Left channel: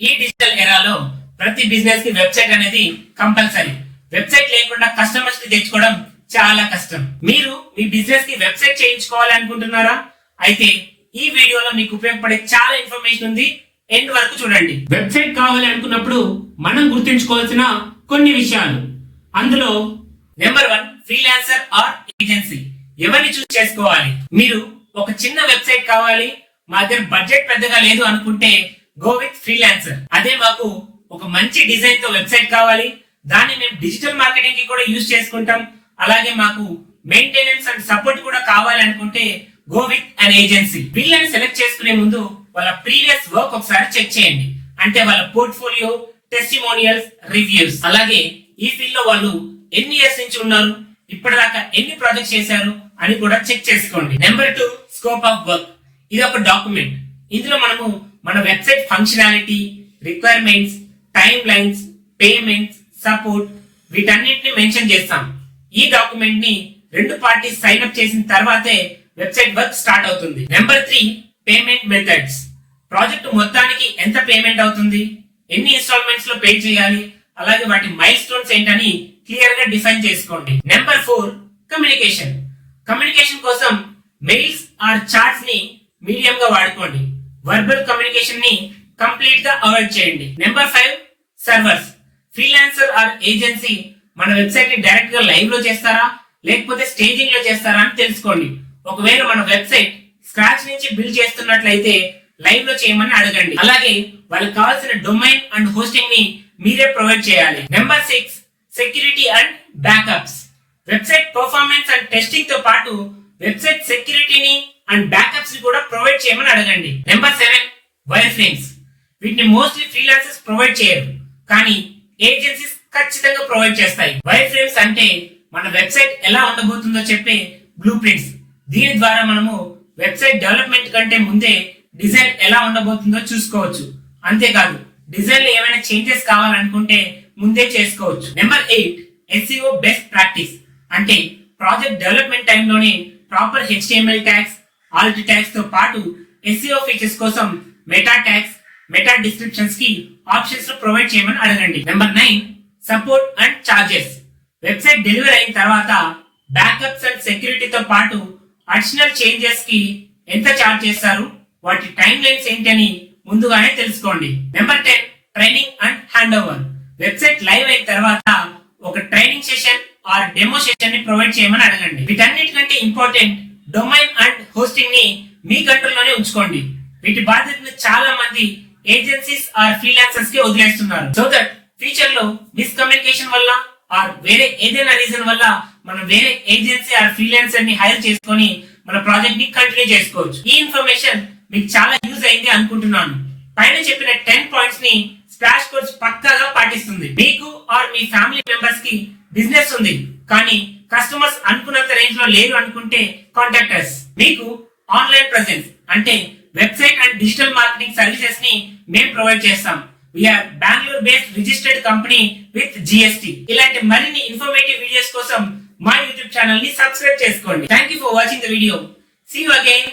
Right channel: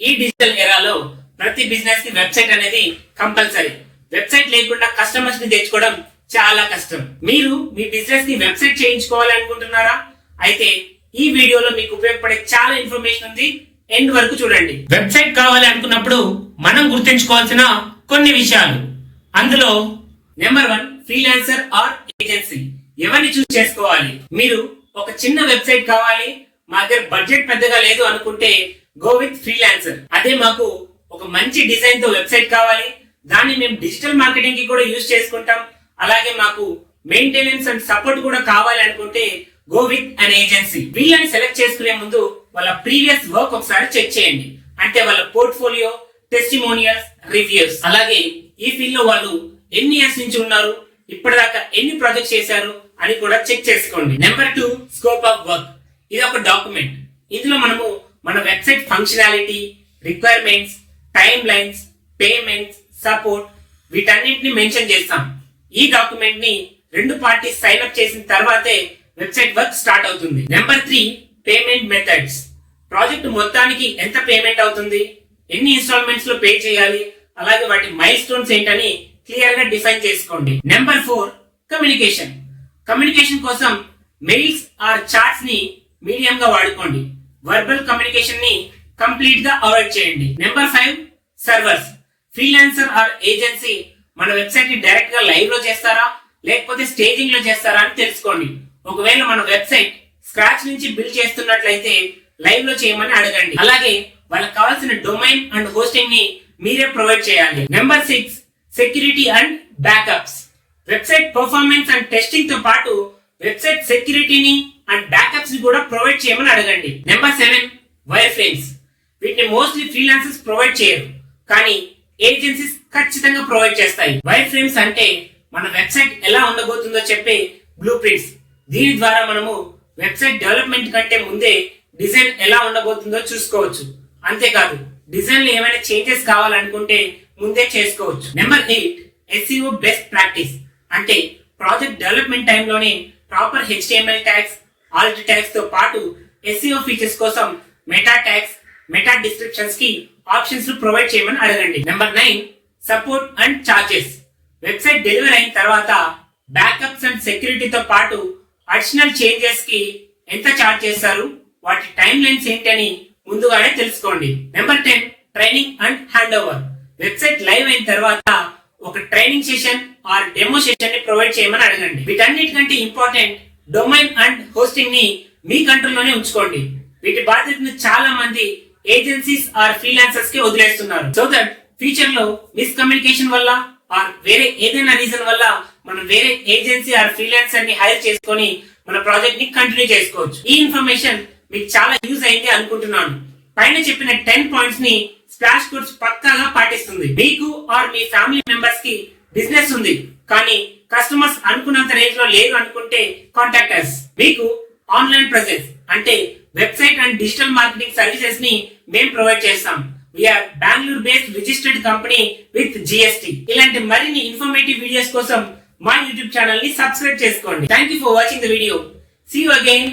ఈ డిజిటల్ ఎరాలో ప్రతి బిజినెస్ కి వెబ్సైట్ అనేది కంపల్సరీ. వెబ్సైట్ లేకుండా కస్టమర్స్ ని తెచ్చుకోవడం చాలా కష్టం. మీరు మీ బిజినెస్ కి వెబ్సైట్ చేయించుకోవాలి అనుకుంటున్నారా? అయితే ఈ వీడియోలో మీకు ఉపయోగపడే చాలా ఇన్ఫర్మేషన్ ఉంది, ఎండ్ వరకు చూడండి. వెబ్సైట్ కావాలి అనుకున్నప్పుడు మనం గుర్తుంచుకోవాల్సిన కొన్ని విషయాలు. అందులో నెంబర్ 1, ఫ్రీలాన్సర్ ఆర్ ఏజెన్సీ. ఎవరిని చూస్ చేసుకోవాలి? మీరు ఒక చిన్న వెబ్సైట్ కావాలి, మా దగ్గర బడ్జెట్ పెద్దగా లేదు అనుకుంటే గో విత్ ఫ్రీలాన్సర్. అదే మాకు ఒక మంచి డిజైన్ తో వెబ్సైట్ కావాలి, దాన్ని మేము డిజిటల్ మార్కెటింగ్ కి కూడా యూజ్ చేసుకుంటాం, అలాగే మాకు మెయింటెనెన్స్ అండ్ సపోర్ట్ కూడా కావాలి అనుకుంటే గో విత్ అన్ ఏజెన్సీ. వీళ్ళని సెలెక్ట్ చేసుకునే ముందు వాళ్ళ ప్రీవియస్ వర్క్ ఒకసారి చెక్ చేయండి. అంటే వాళ్ళ పోర్ట్ఫోలియో, టెస్టిమోనియల్స్, రివ్యూస్, అలాగే ఈ ఫీల్డ్ లో వాళ్ళు ఎన్ని ఇయర్స్ నుంచి ఉన్నారు, ఇప్పటిదాకా ఎన్ని ప్రాజెక్ట్స్ చేశారు అని కూడా చెక్ చేసుకోండి. Number 2, scope of work. ఇది ఒక డాక్యుమెంట్. ఇందులో మనము మన website functionality, requirements, time lines, payments, support వీటన్నిటిని మెన్షన్ చేస్తాం. ఈ డాక్యుమెంట్ ని 2 పార్టీస్ సైన్ అప్ చేసిన తర్వాతే వెబ్సైట్ వర్క్ స్టార్ట్ అవుతుంది. Number 3, payment methods. ప్రాజెక్ట్ మొత్తానికి ఎంత పేమెంట్ అవుతుంది, ఎన్ని ఇన్స్టాల్మెంట్స్ లో పే చేయాలి, అలాగే వాటి మైల్ స్టోన్స్ ఏంటని క్లియర్ గా డిఫైన్ చేసుకోండి. Number 4, communication. కమ్యూనికేషన్ కోసం మెయిల్స్ ఆర్ చాట్స్ ని మీడియం గా వాడుకోండి. వర్బల్ కమ్యూనికేషన్ ని కంప్లీట్ గా అవాయిడ్ చేయండి. Number 5, servers. Freelancer are agency మన వెబ్సైట్ ని డైరెక్ట్ గా లైవ్ లో చేస్తారా లేకపోతే స్టేజింగ్ లో చేస్తారా అని తెలుసుకోండి. ఒకవేళ మన వెబ్సైట్ స్క్రాచ్ నుంచి బిల్డ్ చేస్తున్నట్లయితే లైవ్ లో చేయమని అడగండి. అలాగే వాళ్ళకి కావాల్సిన డొమైన్ అండ్ హోస్టింగ్ ని మీరే ప్రొవైడ్ చేయాలి. Number 6, security and backups. Website performance and testing తో పాటు వెబ్సైట్ సెక్యూరిటీని అండ్ బ్యాకప్స్ ని కూడా ప్రొవైడ్ చేయమని అడగండి. Number 7, wire frames. వీటిని మోస్ట్లీ ఫ్రీలాన్సర్స్ ప్రొవైడ్ చేయరు, కానీ ఏజెన్సీస్ ఖచ్చితంగా ప్రొవైడ్ చేస్తాయి. వైర్ ఫ్రేమ్స్ అంటే మన వెబ్సైట్ ఎలా ఉండబోతుందో చెప్పే బ్లూ ప్రింట్స్. దీని ద్వారా మనము వెబ్సైట్ డెవలప్మెంట్ కంటే ముందే డిజైన్ ఎలా ఉండబోతుందో చూసుకోవచ్చు. అంతేకాదు డిజైన్ లో ఏమైనా చేంజెస్ కావాలనుకుంటే ముందే చేసుకోవచ్చు. Number 8, SEO best practice. అంటే ప్రాజెక్ట్ డెవలప్మెంట్ టైంలోనే proper HTML tags, Alt tags తో పాటు SEO ఫీచర్స్ కోసం మెటా ట్యాగ్స్, మెటా డిస్క్రిప్షన్స్ కి ఆప్షన్స్ ప్రొవైడ్ చేయమని అడగండి. Number 9, support and charges. Website delivery అయిన తర్వాత బ్యాకప్స్ అండ్ సెక్యూరిటీతో పాటు అడిషనల్ చేంజెస్ కి ఎంత చార్జ్ చేస్తారు, వాటి టైం లైన్స్ ఏంటి అని ముందుగానే తెలుసుకోండి. Number 10, training and hand over. Website live అయిన తర్వాత ఒక training session are demo session ని ప్రొవైడ్ చేయమని అడగండి. వీటన్నిటికంటే ఇంపార్టెంట్ డొమైన్ అండ్ హోస్టింగ్ ని మీ కంట్రోల్లోనే ఉంచుకోండి. వీటి బాధ్యతను చాలా మంది ఏజెన్సీస్ ఆర్ ఫ్రీలాన్సర్స్ కి వదిలేస్తున్నారు. సో దట్ ఫ్యూచర్ లో మిస్కమ్యూనికేషన్ వల్ల ఆర్ వేరే ఏదైనా రీజన్ వల్ల మనం వేరే ఏజెన్సీ ఆర్ ఫ్రీలాన్సర్ ని హైర్ చేసుకొని మన ప్రాజెక్ట్ ని కంటిన్యూ చేసుకోవచ్చు. ఈ ఇన్ఫర్మేషన్ మీకు చాలా యూజ్ అయింది అనుకుంటున్నాను. పైన చెప్పిన 10 పాయింట్స్ ని స్ప్లాష్ కోర్స్ పక్కాగా పాటిస్తుంది. మీకు ఆర్ మీ ఫ్యామిలీ మెంబర్స్ కి బిజినెస్ ఉంది, కానీ కస్టమర్స్ అనుకున్నంత రేంజ్ లో లేరు అనుకుంటే కాంటాక్ట్ us. మీకు ఆన్లైన్ ప్రెసెన్స్ అంటే website and digital marketing services ని మేము ప్రొవైడ్ చేస్తాం. We're Bengaluru based registered company with GST. ఇలాంటి మరిన్ని ఇన్ఫర్మేటివ్ వీడియోస్ కోసం మా యూట్యూబ్ ఛానల్ ని సబ్స్క్రైబ్ చేసుకోండి. Thank you for watching the video. See you again.